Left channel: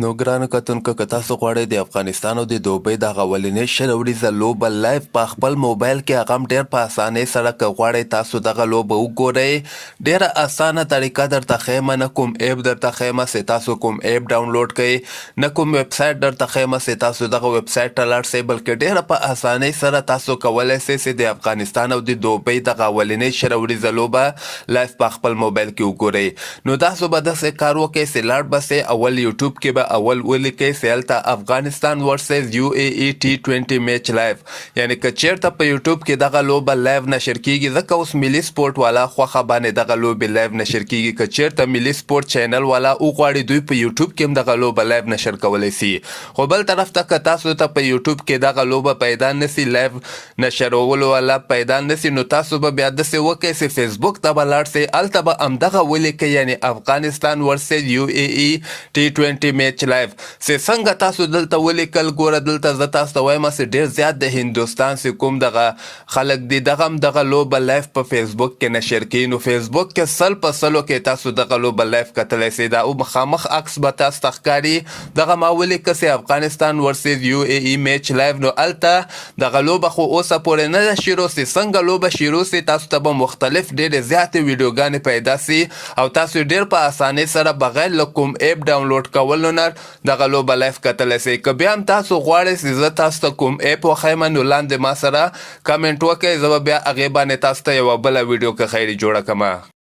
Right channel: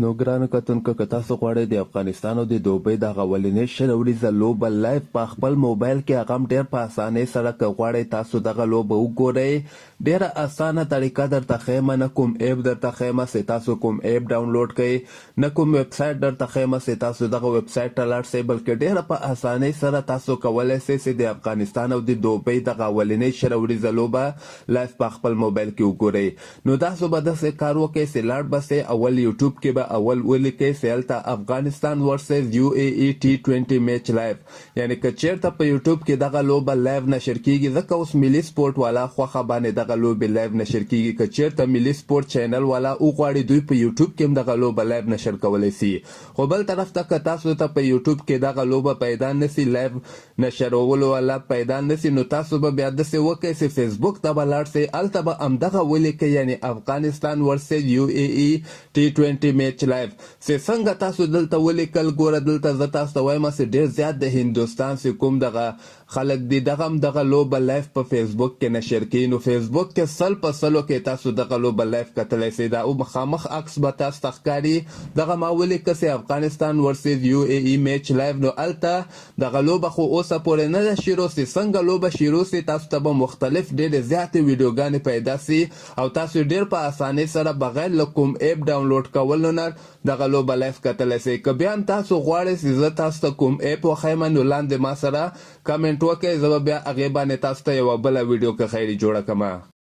نو ګرانو کتونکو که تاسو غواړئ د افغانستان او د دوبۍ دغه اولنۍ شل وړیزه لوبه لایف په خپل موبایل کې هغه هم ډېر په اسانۍ سره که غواړئ تاسو دغه لوبه وګورئ ډېره اسانه طریقه درته ښیم نه کوم ایپ درته ښیم چې تاسو کوم ایپ ډاونلوډ کړئ نه کوم ویبسایټ درته ښیم چې تاسو دغه ویبسایټ ته لاړ شئ بلکې ډېره په اسانۍ سره تاسو کولی شئ چې د افغانستان او د دوبۍ دغه اولنۍ شل وړیزه لوبه لایف په خپل موبایل کې وګورئ نو تاسو به داسې کار وکړئ چې لاړ به شئ اول یوټیوب کې به اول ولیکئ چې هلته افغانستان ورسز UAE T20 Match لایف یعنی که چیرته په یوټیوب کې دغه لوبه لایف نشر کیږي ځکه اوس ملي سپورټ والا خوښه باندې دغه لوبې لایف نشر کیږي که چیرته ملي سپورټ چینل والا وغواړي دوی په یوټیوب کې هم دغه لوبه لایف نشر کولی شي خو بل طرف ته که تاسو ته په یوټیوب کې دغه لوبه پیدا نسی لایف نشرولو والا پیدا نسی نو تاسو به بیا داسې وکړئ چې فیسبوک ته به لاړ شئ هلته به همدغه ولیکئ یعنی افغانستان ورسز UAE T20 Match لایف چې څنګه تاسو دلته ولیکل ګوره دلته زه تاسو ته وایم چې ډېر زیات د هندوستان چې کوم دغه خلک دي دغه هم دغه لوبه لایف په فیسبوک کې نشر کوي نو فیسبوک کې سل په سلو کې تاسو دغه لوبه لایف کتلی شئ دا او مخامخ عکس به تاسو ته ښکاري دغه ما ولیکه چې افغانستان ورسز UAE میچ لایف نو هلته دغه لوبه خو اوسه پورې نه ده شروع سي څنګه لوبه شروع سي تاسو ته به مختلف ډېرې زیاتې ویډیوګانې پیدا سي او تاسو ډېر په اسانۍ سره بغیر له کوم ایپ ډاونلوډ کولو نه دغه لوبه لایف کتلی شئ که بیا هم تاسو غواړئ چې زه تاسو ته کوم ایپ وښیم نو لاندې ما سره کمنټ وکړئ زه به بیا هغې باندې تاسو ته یوه بله ویډیو که خیري جوړه کړمه